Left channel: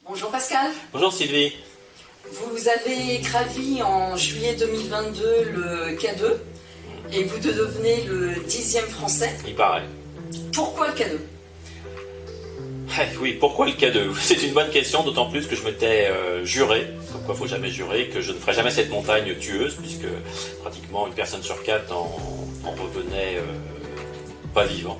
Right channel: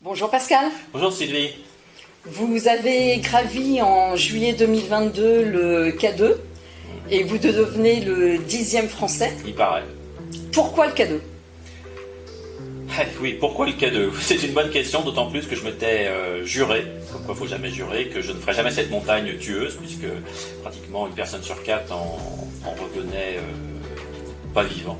Bonjour Pascal. Bonjour Sylvie. Vous avez gravi en juillet 2022 le K2 et vous devenez le 10e français. Il paraît. Pourquoi le K2 ? Oui, pourquoi le K2 ? C'est une bonne question, d'autant plus que je m'étais juré, comme quoi il ne faut jamais jurer, que je ne ferais jamais cette montagne tueuse, puisque pratiquement une personne sur 4 en revenait pas vivant.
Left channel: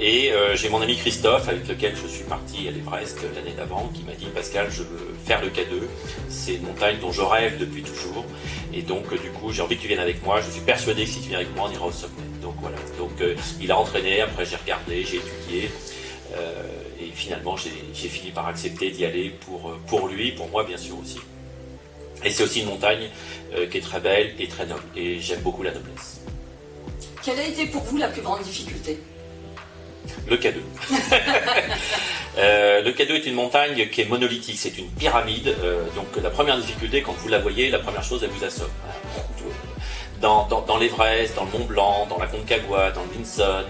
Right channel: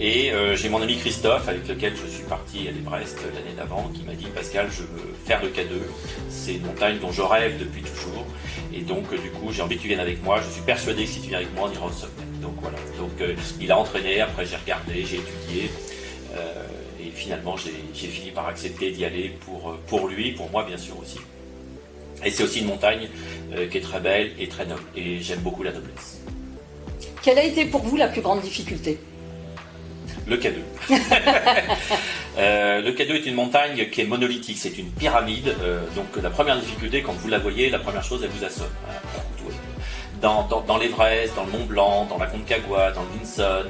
Et j'ai mon ami Christophe, avec lequel je suis parti à l'Everest l'année d'avant, qui m'a dit « Pascal, je veux faire le K2, c'est une montagne dont je rêve depuis toujours, et donc du coup j'ai envie que tu viennes avec moi, je suis persuadé que si tu viens avec moi, on ira au sommet. » Donc voilà, donc il a entraîné, après j'ai regardé, j'ai étudié, et finalement j'ai fini par accepter d'y aller pour lui, pour moi bien sûr aussi. Et c'est aussi une montagne qui est très belle et très noble, et j'aime beaucoup la noblesse. Quelle a été pour vous la plus grande difficulté ? Le K2. Le K2 est une montagne qui est monolithique, c'est une pyramide. Donc la première difficulté, quand vous la voyez, la première chose, elle vous assomme. Dans l'Everest, dans le Mont Blanc, dans la Concagua, dans le Vinson,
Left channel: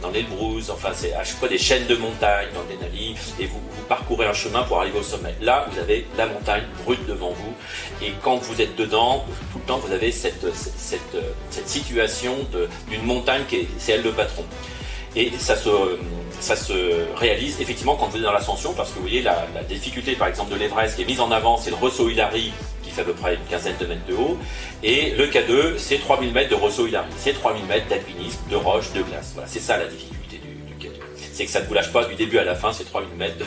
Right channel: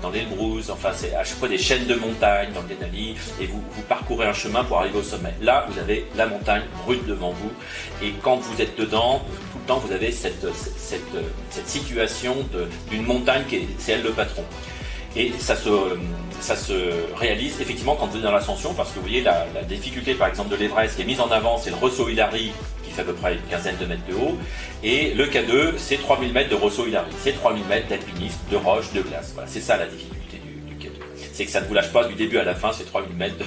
dans l'Elbrus, enfin c'est à chaque fois des chaînes de montagnes, dans le Denali, et vous parcourez un chemin pour arriver au sommet. Là, vous avez la montagne brute devant vous, et quand vous êtes dedans, tout le temps, vous avez cette situation d'une montagne c'est elle le patron. Et ça se réalise effectivement quand vous êtes dans l'ascension, parce que vous voyez la difficulté par exemple de l'Everest qui est mise en avant, c'est le Rosso Hilary qui fait à peu près une quinzaine de mètres de haut, et le K2 c'est 3000 mètres de Rosso Hilary, c'est 3000 mètres d'alpinisme, de roches, de glace. Voilà, c'est ça la difficulté du K2. C'est que ça ne vous lâche pas du début à la fin, c'est 3000 mètres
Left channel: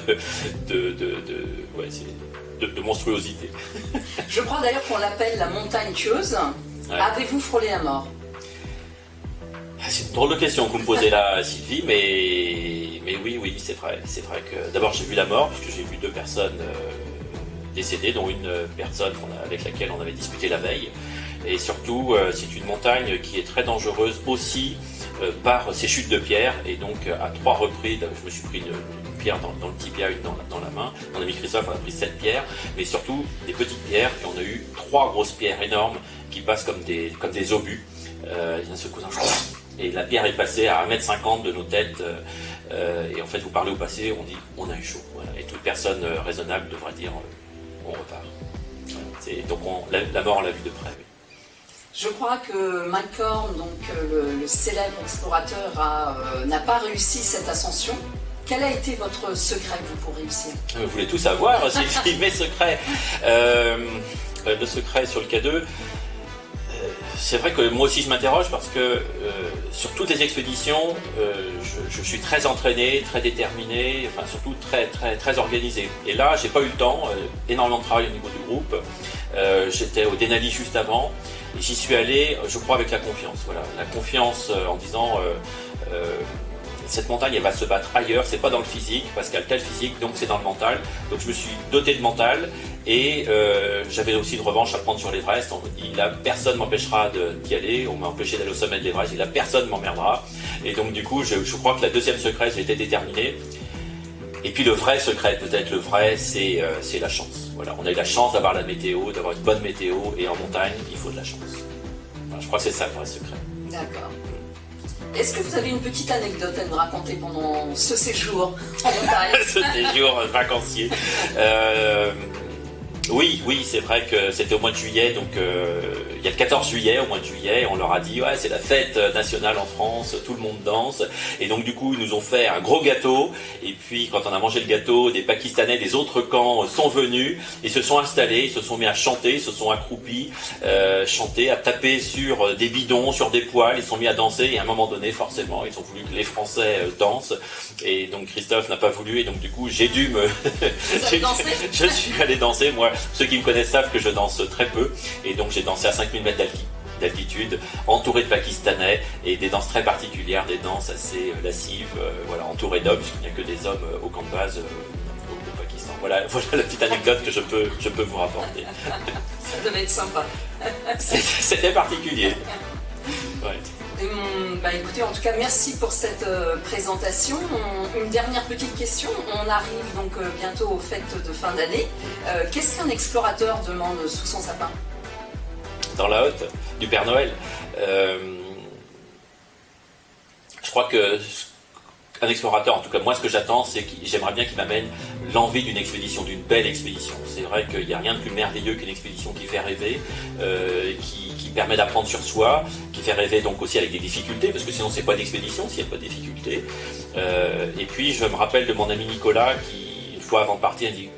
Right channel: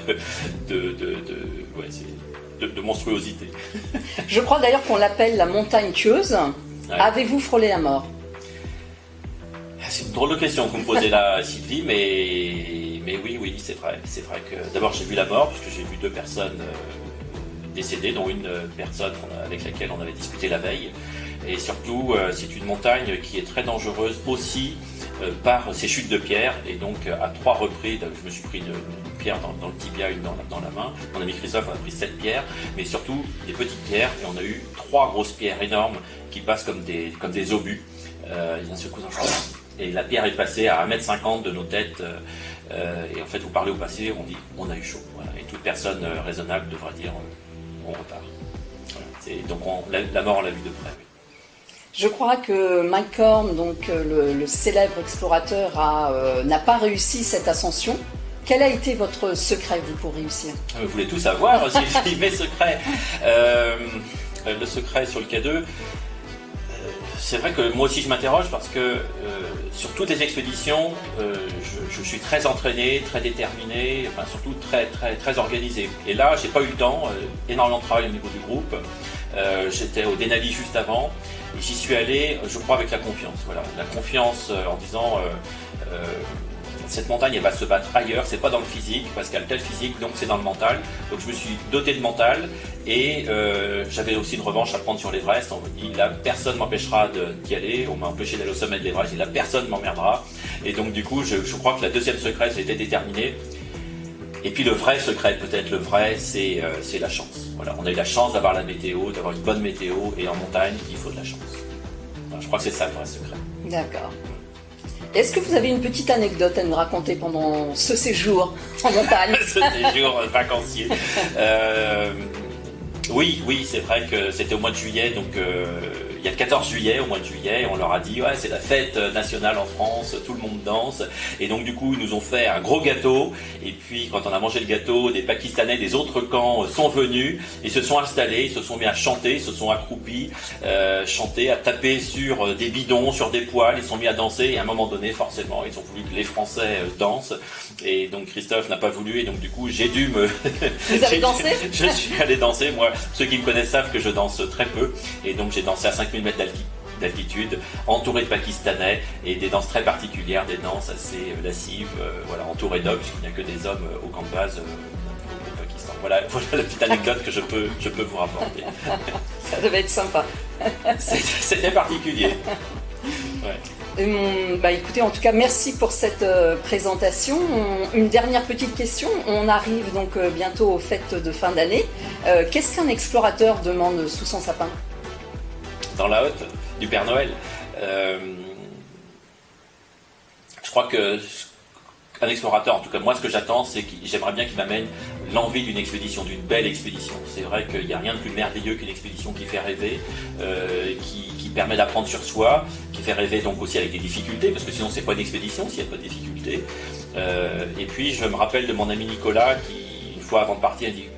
de monstruosité. Je crois d'ailleurs qu'on l'appelle la montagne tueuse. Ouais. Avez-vous frôlé la mort ? C'est une drôle de question que vous me posez là, Sylvie, mais oui, c'est vrai. C'est vrai que d'abord j'ai vu la mort, puisque j'ai vu 2 personnes décédées, dont une personne avec laquelle on avait discuté la veille. Et surtout, c'est une montagne qui est très dangereuse aussi par ses chutes de pierres. Et donc, à 3 reprises, je me suis pris une pierre dans le tibia, une dans la main. Mon ami Christophe a pris 7 pierres, mais surtout des petites pierres. Et on a eu 3 grosses pierres énormes qui passent comme des obus. Il y a un secouant. Et la pierre est passée à 1,50 m de nos têtes. Et en fait, vous parlez au passé, on dit on a eu chaud. Voilà. Et toute personne raisonnable devrait dire on repart. Voilà. Donc la mort, on l'a vu de près. Oui. Je crois que Mike Horn, donc le célèbre explorateur, n'a pas réussi cette ascension. Quel a été votre secret, vous, pour réussir ? Vous voulez tout savoir, Sylvie, mes secrets. Le secret sur le K2. C'est vrai que moi aussi je m'interroge parce que sur toutes les expéditions, je suis très entraîné, très déterminé, enfin surtout très organisé. Et là, j'ai pas eu le temps, énormément de travail au niveau du groupe. J'étais au Denali juste avant et j'y suis allé, je crois, avec la confiance. Voilà, la confiance en disant cette montagne, elle va se battre ailleurs, c'est pas dans le physique, parce qu'elle a tel physique, donc c'est dans le mental. Donc je me suis doté de mental, et j'avais aussi une revanche à prendre sur l'Everest. On me dit, là, personne m'empêchera d'y aller, on m'a empêché d'aller au sommet de l'Everest, et là, personne m'emmerdera. Et donc du coup, je crois que la deuxième secret, j'étais déterminé. Et puis le vrai secret, peut-être le vrai, c'est la chance. Voilà, on a eu la chance d'avoir la météo, d'avoir une bonne météo, et en montagne, il faut de la chance. Voilà, je crois que c'est ça le vrai secret. D'accord. Est-ce que vous avez une petite anecdote à nous raconter pendant ce séjour en montagne ? Ce séjour vacancier. Oui, c'est vrai que c'était au mois de juillet, donc il y a le 14 juillet, au mois de juillet, on leur a dit ouais, c'est la fête nationale en France, tout le monde danse, et donc du coup ils nous ont fait un gros gâteau, et puis quand on a mangé le gâteau, des Pakistanais des autres camps sont venus, et se sont installés, ils se sont mis à chanter, ils se sont accroupis, chanter, à taper sur des bidons, sur des poêles, ils se sont mis à danser, et à un moment donné, forcément, ils ont voulu que les Français dansent, et donc Christophe n'a pas voulu, et donc du coup j'ai dû me... Vous avez dansé ? Je suis allé danser, moi. Ceux qui me connaissent savent que je danse très peu, et donc j'ai dansé à 5000 mètres d'altitude, entouré de Pakistanais, et des danses très particulières, des danses assez lascives, voilà, entouré d'hommes, puisqu'il n'y a que des hommes au camp de base au Pakistan. Voilà la petite anecdote que je peux vous rapporter. Ça devait être sympa. C'était particulier. Ouais. Écoutez, en tout cas, merci pour cette présentation. Une dernière petite question. On arrive donc bientôt aux fêtes de fin d'année. Qu'est-ce qu'un explorateur demande sous son sapin ? Dans la hotte du Père Noël. Je crois que un explorateur, en tout cas moi ce que j'attends, c'est que j'aimerais bien qu'il m'amène l'envie d'une expédition, d'une belle expédition. C'est vrai qu'il n'y a rien de plus merveilleux qu'une expédition qui fait rêver, qui permet d'apprendre sur soi, qui fait rêver donc aussi avec des difficultés, parce que sinon c'est pas d'expédition s'il n'y a pas de difficultés. Et puis je me rappelle de mon ami Nicolas qui, une fois avant de partir, il dit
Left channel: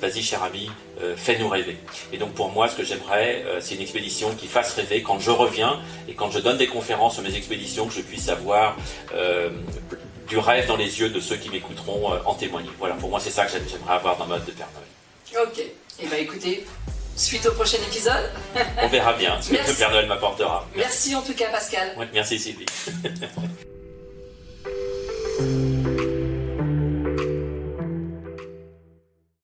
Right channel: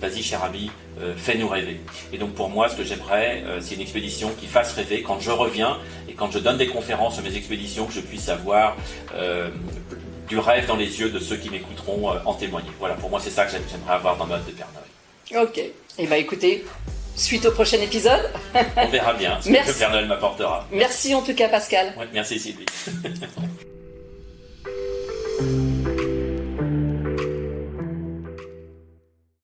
vas-y cher ami, fais-nous rêver. Et donc pour moi, ce que j'aimerais, c'est une expédition qui fasse rêver quand je reviens et quand je donne des conférences sur mes expéditions, que je puisse avoir du rêve dans les yeux de ceux qui m'écouteront en témoigner. Voilà, pour moi c'est ça que j'aimerais avoir dans ma hôte de Père Noël. Ok, et bah écoutez, suite au prochain épisode. On verra bien ce que le Père Noël m'apportera. Merci en tout cas Pascal. Ouais, merci Sylvie.